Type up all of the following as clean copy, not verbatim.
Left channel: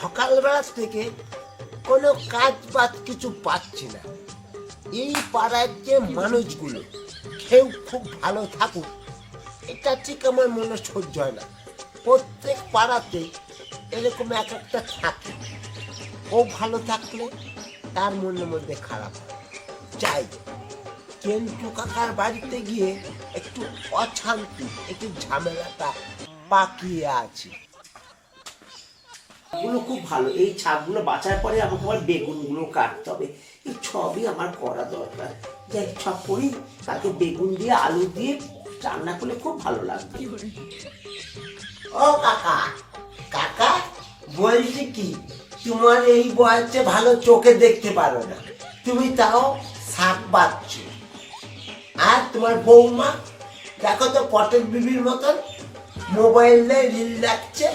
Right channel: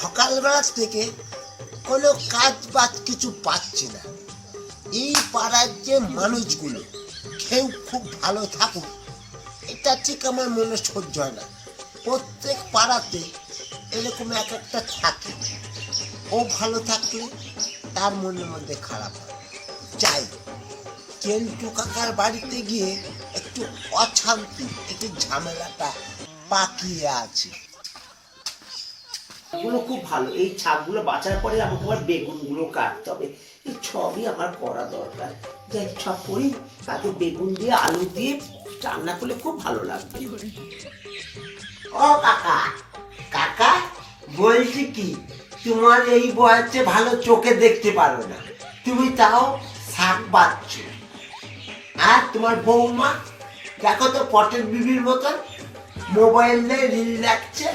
সকালবেলা থেকে কোনো কাজ বাজ কিছু পাচ্ছি না। এই পাড়ার যে মানুষগুলো কেউ খুব ভালো থাকুক এটা ঠিক আমার মনে সহ্য হয় না। প্রত্যেক পাড়াতে এরকম এক একটা থাকে, ও ভালো থাকলে তার মনের মধ্যে খারাপ হয়। যাই কেন্টু কাকার বাড়িতে গিয়ে একটু অশান্তি, একটু ঝামেলাটা পাকিয়ে আছে। গুলো খুব ভালো, এই ছাদগুলো বাঁচার পরে আমাকে আবার বেগুনগুলো কাটতে হবে। এই সবই আমার করা দরকার। যাই সব করি, তাকে বেগুন দিয়ে আলু দিয়ে রান্না করলে খুব ভালো লাগবে। ও কাকা, কাকা বলছি কি, তোমার এই বয়সে ভালো চোখে দেখতে পারো না, তুমি তাও শাক বাচ্ছ। আর তোমার বৌমা দেখো তো পটের বিবির মতন মোবাইলে রিল দেখছে,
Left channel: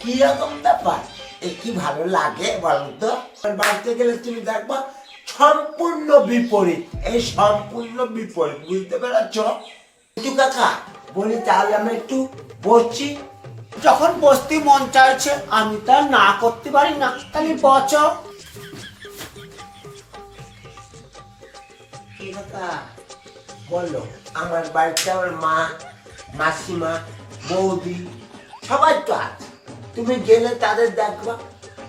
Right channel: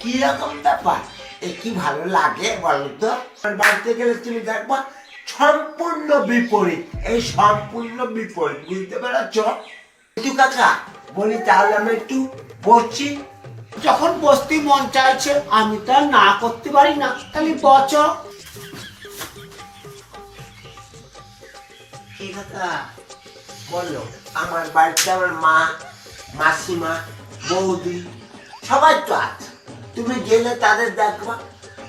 কিরকম ব্যাপার? এ কি ভালো লাগে বলো তো? বাড়িতে গেলে তুমি দেখবা সম্পূর্ণ বিপরীত, এই সম্পূর্ণ বিপরীত, বুঝতে পেরেছ? একটু কাকা বলি তাহলে আমরা একটু বসছি। যখন বসতে মন চাইছে আমি তা না করতে পারি না, তাহলে বচ। কি কাকা বলো, আমার বাড়িতে আমার মা, মাসিমা, বৌদি সবাই তো আছে, তুমি গেলে তাদের দেখবা।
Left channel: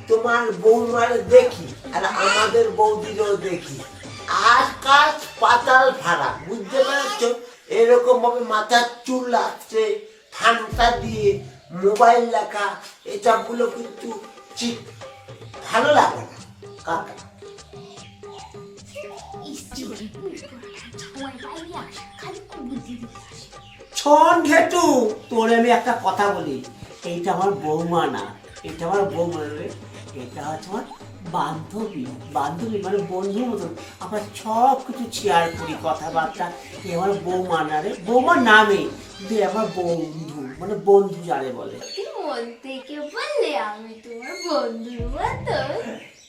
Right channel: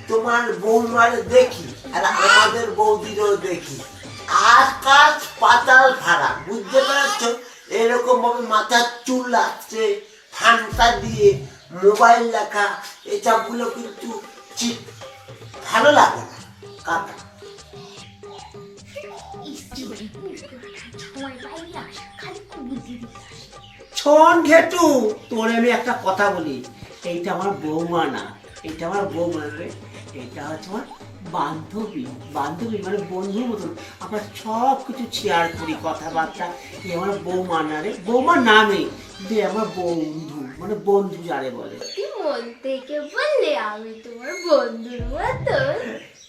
তোমার বৌমারে দেখি আর আমাদের বৌদিরও দেখি, আকাশ পাতাল ফাড়া, বুঝতে পারছ? এরকম ভাবে মাথার চুল লাগছে, ঠান্ডা দিয়ে মোবাইল দেখা, এসবগুলো কিন্তু ঠিক ভালো লাগে না কাকা। ছন ঘেটু, তোরে আমি একটা কথা বলি, এইটা আমার বৌমা না, এটা আমার বৌমা রে, এটা হচ্ছে আমার বান্ধবী। বান্ধবী মানে বন্ধুর মতন, আমরা সব কিছু শেয়ার করি, কথাবার্তা। এ আমার বৌমা না রে, বৌমার নামে কিন্তু আমার বন্ধু, মানে বন্ধু যারে বলে। মন থেকে বললে আমি তোমার বন্ধুর মতো।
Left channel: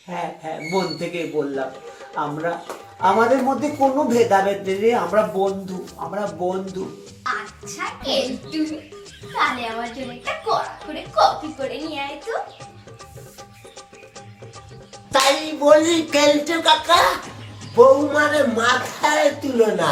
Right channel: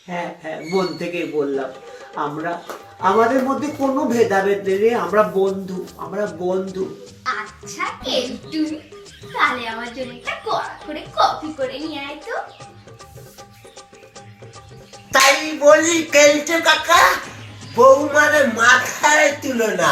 হ্যাঁ হ্যাঁ, মন থেকেই বললাম। আমরা আমাদের মধ্যে কোনো ভেদাভেদ নেই রে, আমরা বন্ধু, আমরা বন্ধু। আচ্ছা কেলটু, তাহলে আমার জন্য একটা কড়া করে কফি করে নিয়ে আয় তো। তাই বলি কেলটে কাকা, বৌমারে মাথায় তুলো না।